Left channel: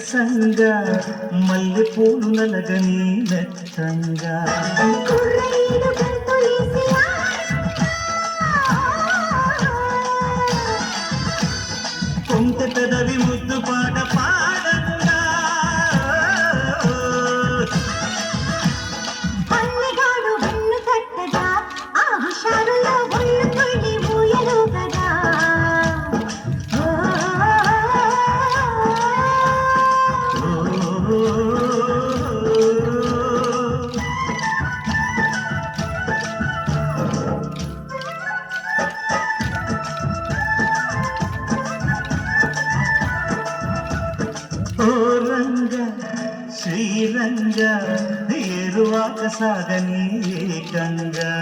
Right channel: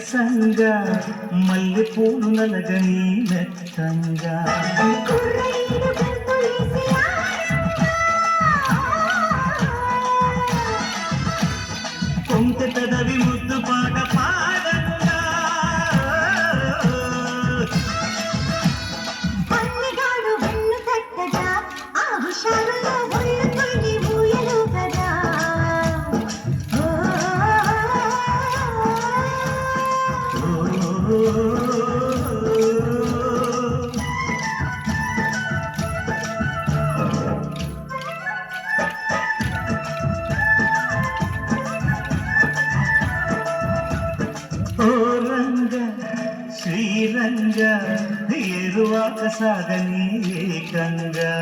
వెచ్చంగా మల్లె పూలు నలగని మెత్తంగా కొంత పెదవి ముద్దు పాట పాడంగా ఓ రంగ శ్రీరంగ ఏరువాక సాగని ఏకంగా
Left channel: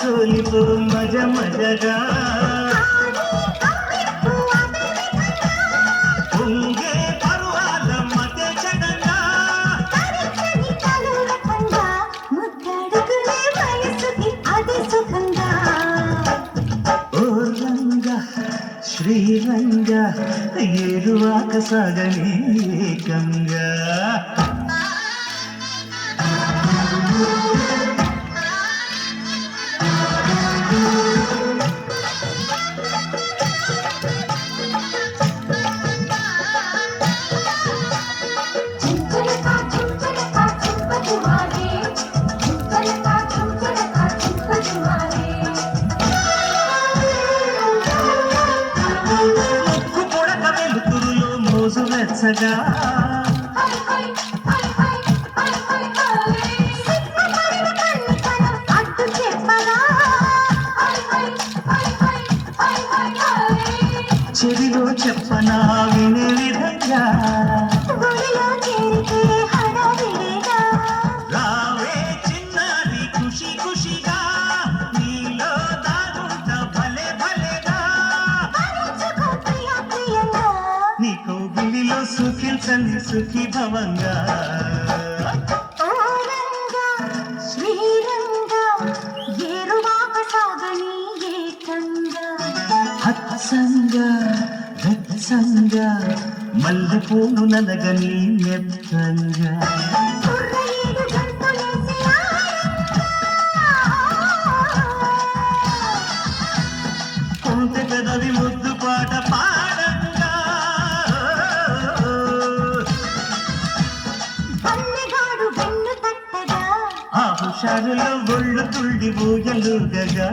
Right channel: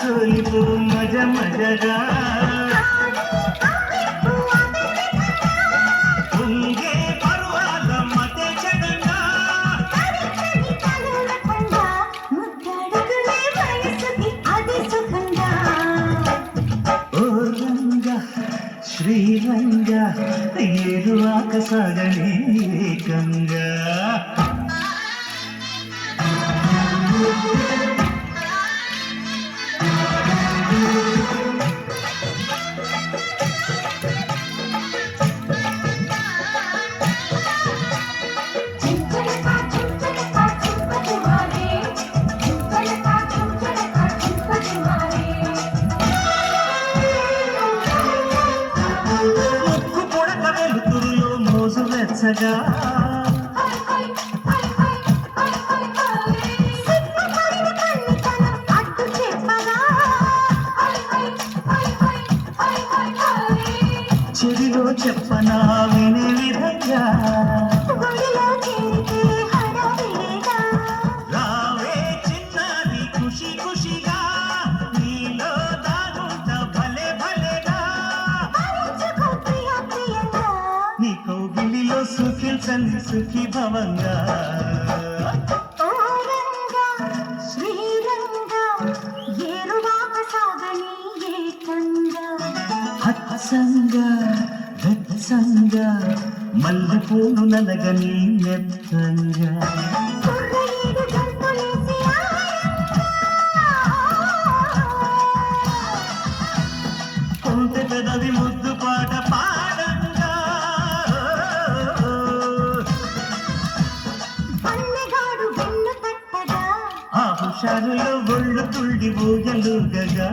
సోలితో మజ మజగా ఉంగే పర్వాల మత జగంగా ఓ రంగ శ్రీరంగ ఏరువాక సాగని ఏకంగా వెచ్చగా చెవిలో చెప్పనా వినే విధంగా రావే చిన్నది ఖుషి ఖుషిగా నీలో దాగుంట భలే భలేగా నీ కౌగిలిలో సుఖించని సుఖీ భవంగా వెచ్చంగా మల్లె పూలు నలగని మెత్తంగా కొంత కదవి ముద్దు పాట పాడంగా ఆ హుషారులో ఒళ్ళు తుళ్ళి ఊయలుగగా